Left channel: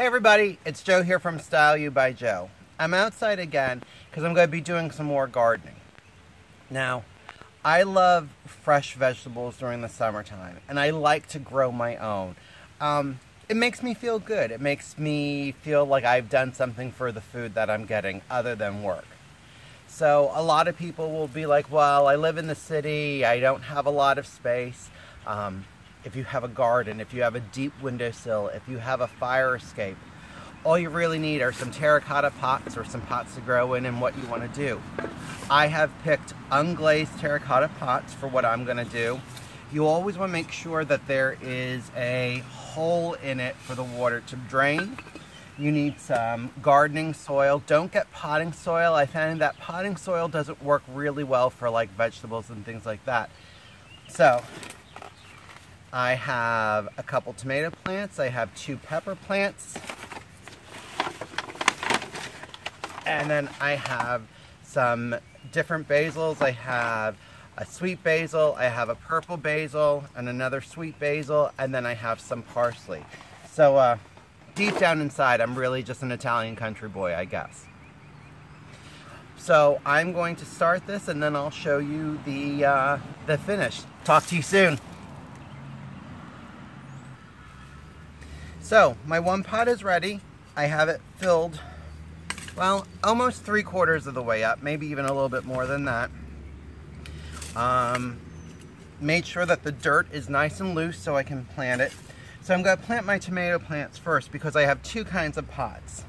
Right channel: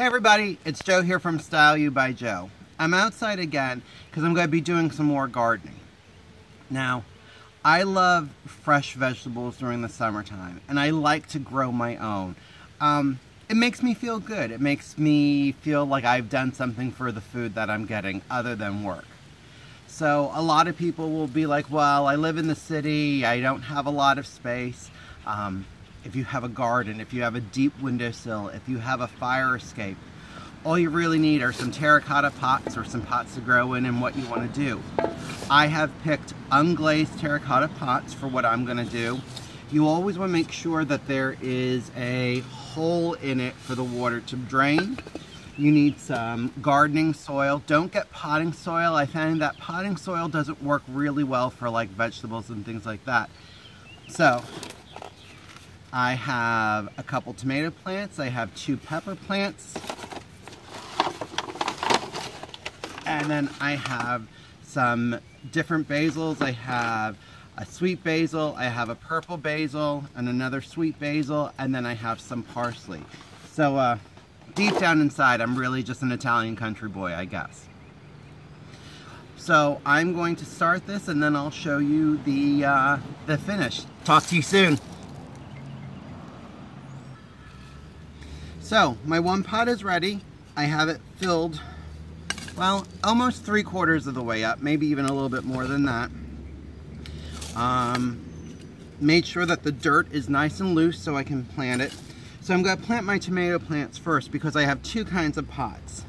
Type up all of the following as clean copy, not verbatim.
Hey everybody, it's Joe here from Style You by Joe. I'm outside again because I'm going to be doing some more gardening. Now, I love fresh vegetables during the summertime, and I like to grow my own. It makes me feel good. It makes me feel like I've done something for the food that I'm getting other than work. So a lot of people will be like, well, I live in the city, I don't have a lot of space. If you have a garden, if you have a deep windowsill, if you have a fire escape, all you really need are some terracotta pots or some pots to grow in and what you want to do. I have picked unglazed terracotta pots for what I'm going to do. You always want to make sure that there is a hole in it for the water to drain. You need some gardening soil. Don't get potting soil. I found that potting soil doesn't work really well for like vegetables and things like that. So I have a couple tomato plants. I have 2 pepper plants. And then I have some different basils. I have a sweet basil, I have a purple basil, and another sweet basil, and then I have some parsley. So deep down inside, I'm really just an Italian country boy, I guess. So I'm going to start this, and then I'll show you the finish. Talk to you soon. So my one pot is ready. I have it filled, well, almost 3/4 of the way up, maybe even a little bit more than that. Made sure that the dirt is nice and loose so I can plant it. So I'm going to plant my tomato plants first because I have 2 kinds of pots.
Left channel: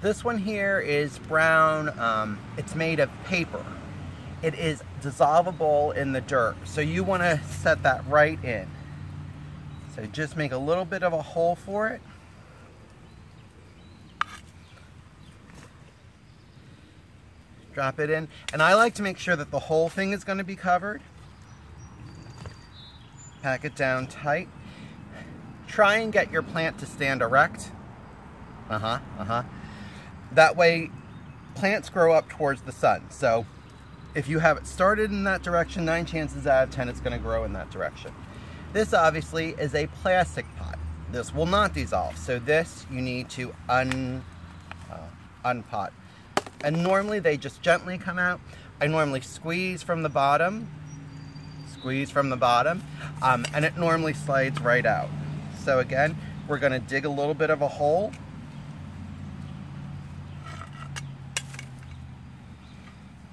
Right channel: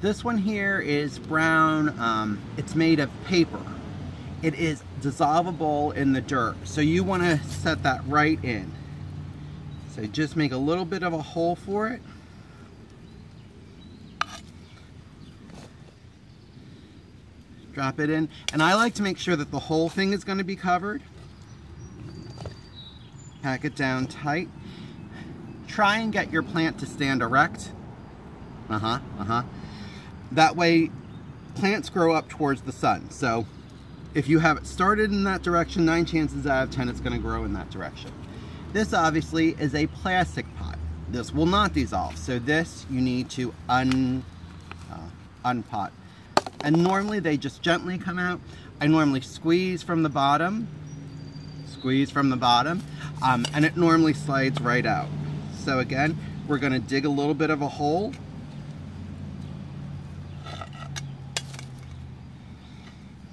This one here is brown. It's made of paper. It is dissolvable in the dirt, so you want to set that right in. So just make a little bit of a hole for it. Drop it in, and I like to make sure that the whole thing is going to be covered. Pack it down tight. Try and get your plant to stand erect. That way plants grow up towards the sun. So if you have it started in that direction, 9 chances out of 10 it's going to grow in that direction. This obviously is a plastic pot. This will not dissolve, so this you need to unpot. And normally they just gently come out. I normally squeeze from the bottom, and it normally slides right out. So again, we're going to dig a little bit of a hole.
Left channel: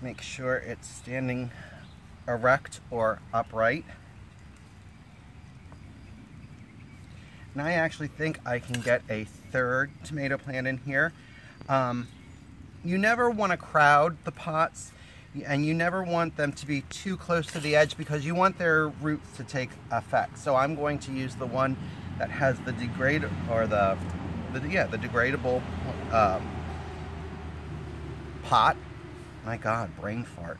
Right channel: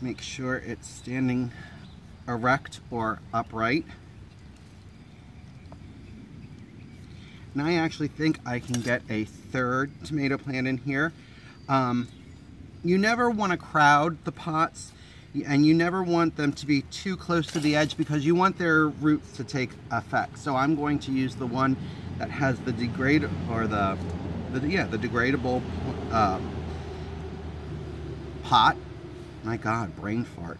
Make sure it's standing erect or upright. And I actually think I can get a 3rd tomato plant in here. You never want to crowd the pots, and you never want them to be too close to the edge because you want their roots to take effect. So I'm going to use the one that has the degradable pot. My God, brain fart.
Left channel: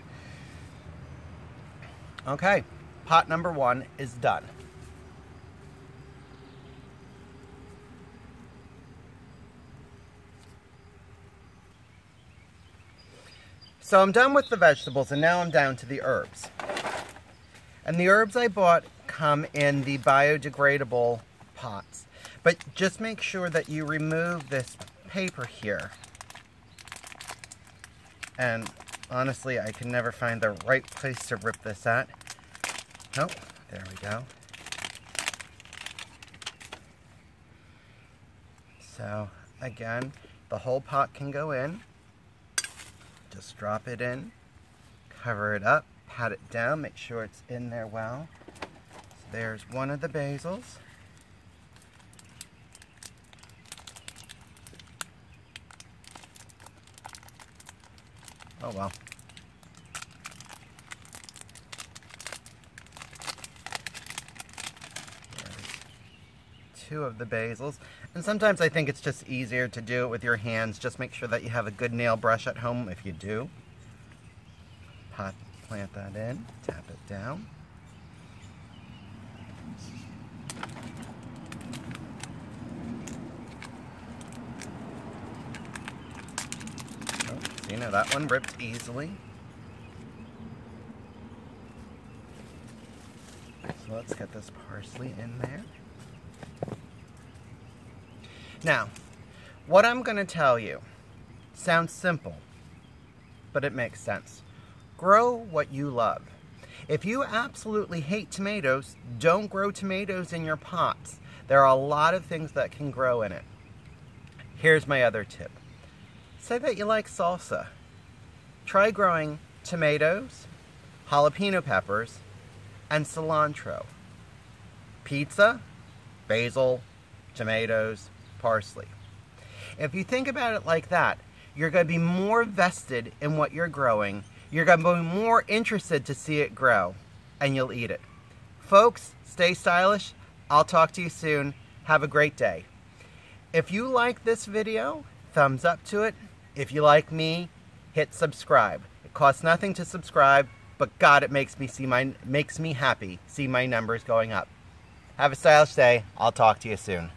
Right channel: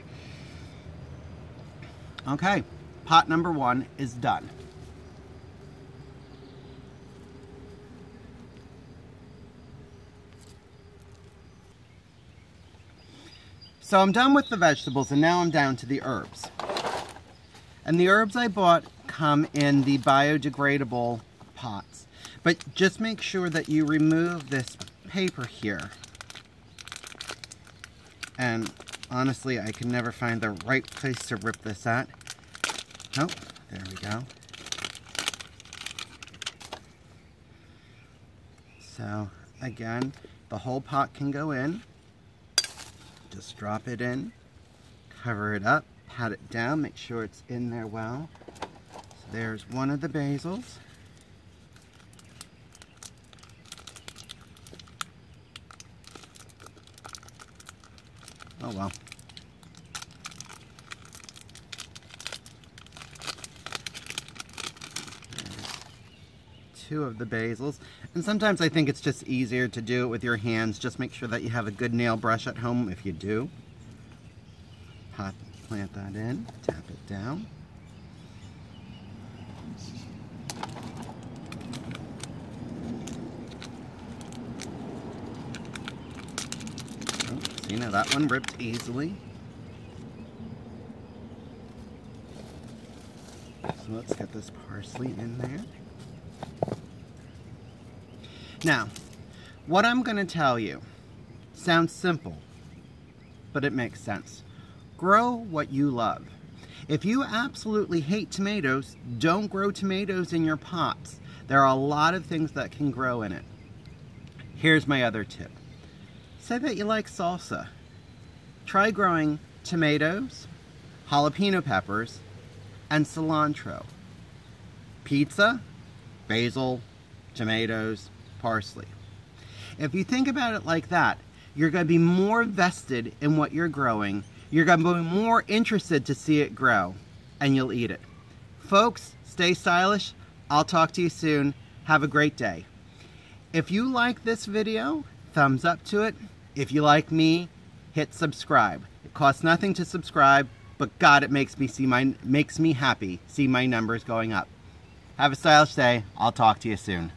Okay, pot number 1 is done. So I'm done with the vegetables, and now I'm down to the herbs. And the herbs I bought come in the biodegradable pots. But just make sure that you remove this paper here. And honestly, I can never find the right place to rip this at. Oh, there we go. So again, the whole pot can go in. Just drop it in, cover it up, pat it down, make sure it's in there well. So there's one of the basils. Oh well. There's 2 of the basils. And sometimes I think it's just easier to do it with your hands. Just make sure that you have a good nail brush at home if you do. Plant that in, tap it down. Oh, see, now that one ripped easily. So let's get this parsley in there. Now, what I'm going to tell you sounds simple, but it makes sense. Grow what you love. If you absolutely hate tomatoes, don't grow tomatoes in your pots. There are a lot of things that can grow in it. Here's my other tip. Say that you like salsa. Try growing tomatoes, jalapeno peppers, and cilantro. Pizza, basil, tomatoes, parsley. If you think about it like that, you're going to be more vested in what you're growing. You're going to be more interested to see it grow, and you'll eat it. Folks, stay stylish. I'll talk to you soon. Have a great day. If you like this video, thumbs up to it. If you like me, hit subscribe. It costs nothing to subscribe, but God, it makes me happy. See my numbers going up. Have a stylish day. I'll talk to you soon.